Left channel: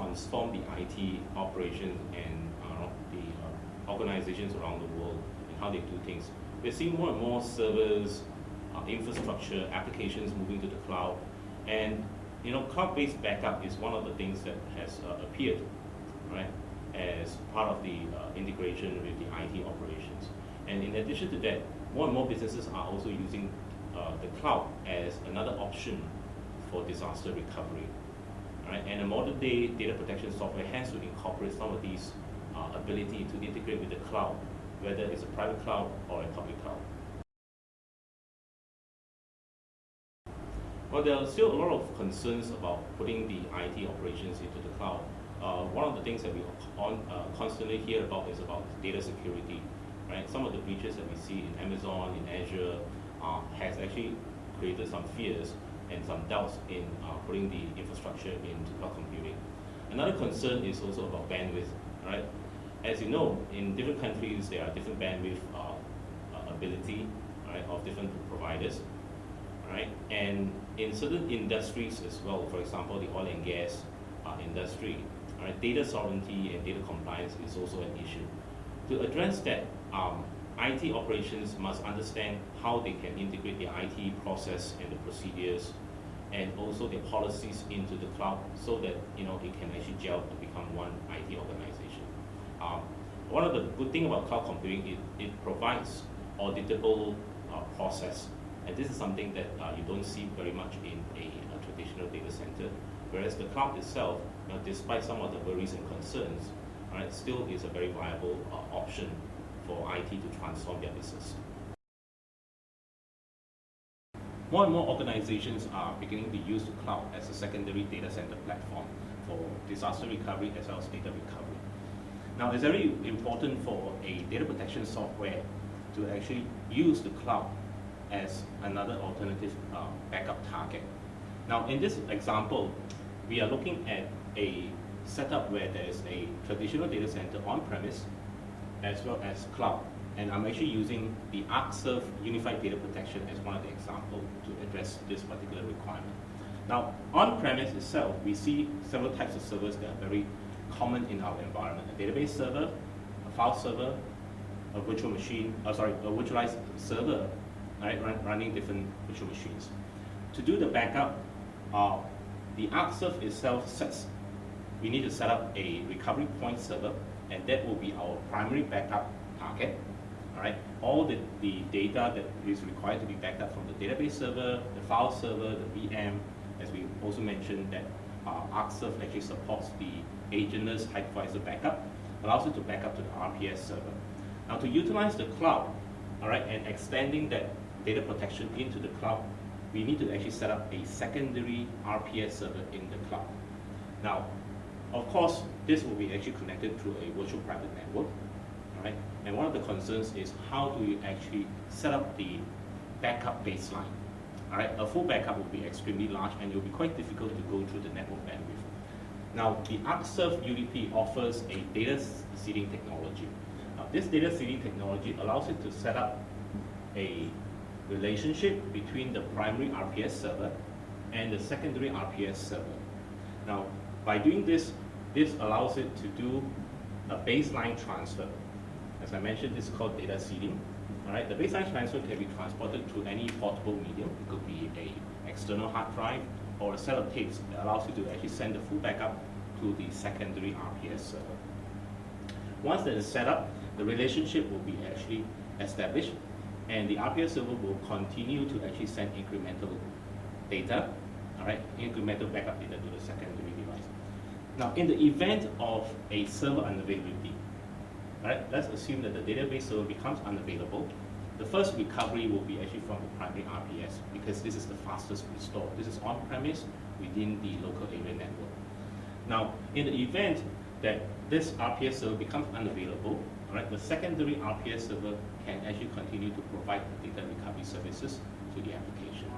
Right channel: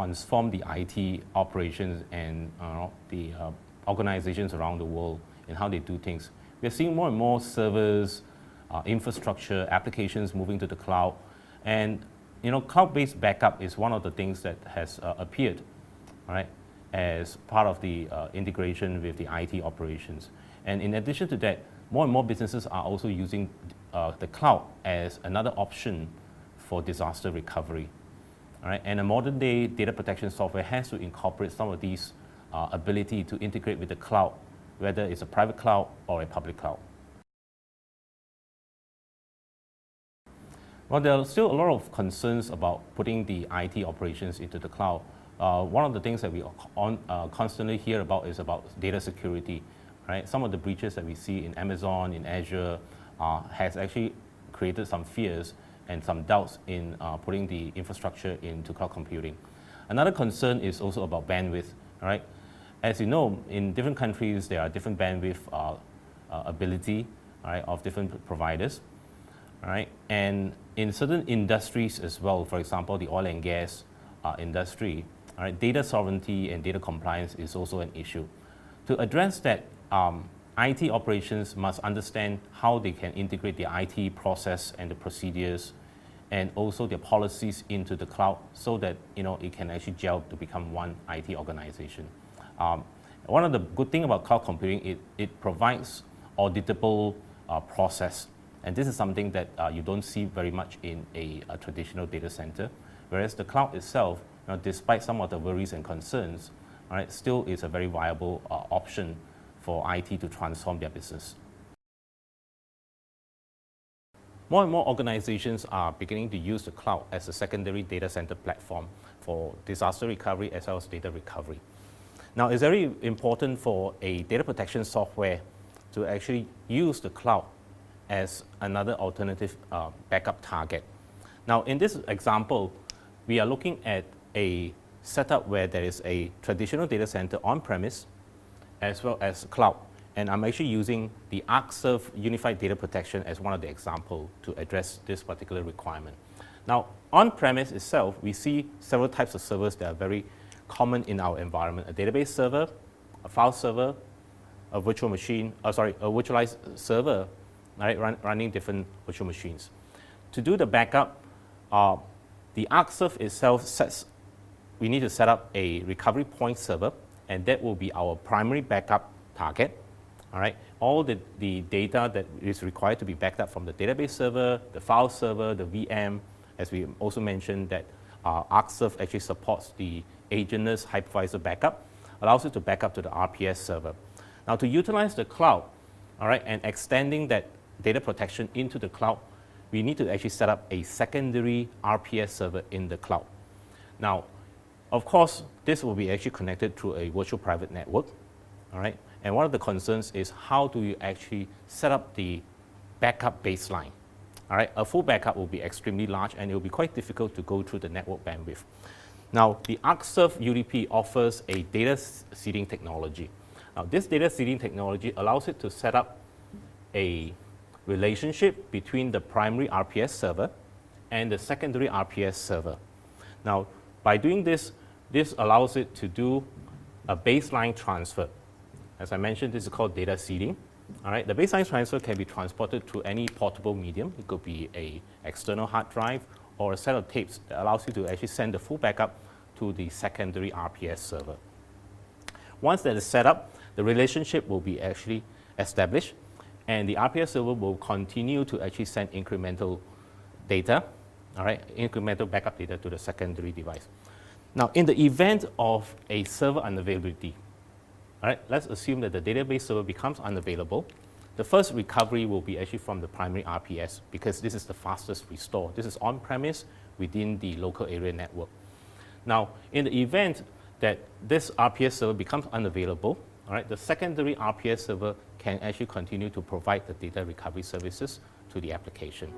transform the IT operations and the organizations around the world and how they do things. We're seeing more and more servers, infrastructure, applications moving to the cloud, and cloud-based backup is one of the things that has appeared, right, as part of the integration with the IT operations. And in addition to that, more and more businesses are also using the cloud as another option for disaster recovery. Right? And a modern day data protection software has to incorporate some of these ability to integrate with the cloud, whether it's a private cloud or a public cloud. Well, there are still a lot of concerns about putting the IT operations into the cloud. One of the things that we constantly hear about is about data security. Right? Some of the breaches that we see in Amazon, in Azure, has actually created some fears and some doubts in putting the infrastructure into cloud computing. Another concern is also about bandwidth. Right? As you know, in different countries, there are different bandwidth ability, right, of different providers. Right? And in certain industries as well, for example, the oil and gas industry, right, data sovereignty and data compliance is also an issue. To address that, IT operations must understand how they can integrate the IT process and the procedures and also their policies into the cloud so that it can actually gel to become one IT organization. One of the good things about cloud computing, it provides auditable process, and this is something that you don't see very much in a traditional data center, whereas the cloud itself, despite some of the worries and concerns, right, still is a very viable option for IT to transform their business. More and more organizations are beginning to use the cloud as a secondary data center platform for disaster recovery as well as data recovery. Now, it's very important for a data protection software to actually use the cloud as another alternative backup target. Now, in this example, we are looking at a setup where there is a traditional data center on-premise as well as cloud. And I'm actually using the Arcserve Unified Data Protection as one of the examples to address this particular requirement. Now, on-premise itself, we see several types of servers that are very common in our environment. A database server, a file server, a virtual machine, a virtualized server, right, running different virtual machines. To do the backup, the Arcserve itself we need to set up a recovery point server, and that will be our primary backup target. All right, all the data that is required to be backed up from the database server, the file server, the VM, as we also mentioned that Arcserve actually supports the agentless hypervisor backup, allows you to back up to the RPS server. Now, to utilize the cloud, all right, and extending that data protection into the cloud, we need to actually set up a secondary RPS server in the cloud. Now, of course, this will be actually connected through a virtual private network, all right? And one of the concerns is how do you actually set up the backup baseline, all right? A full backup will be extremely large and it will be quite difficult to go through the network bandwidth. Now, the Arcserve UDP offers a data seeding technology. Now, this data seeding technology allows it to set up a relationship between the primary RPS server and the secondary RPS server. Now, by doing this, this allows it to do a baseline transfer. As I mentioned, this is called data seeding. All right, the baseline transfer can be transported through any portable medium. It could be an external hard drive or a set of tapes that allows you to actually send the full backup to the secondary RPS server. Once that is set up, the relationship will be actually established, and the RPS server will continue to actually send incremental data, all right, incremental backup data to the secondary device. Now, in the event of a server unavailability, all right, let's assume that the database server becomes unavailable. The first recovery will be actually from the primary RPS because this is the fastest restore. This is on-premise within the local area network. Now, in the event that this RPS server becomes unavailable, all right, the secondary RPS server can actually continue to provide the data recovery services to the application.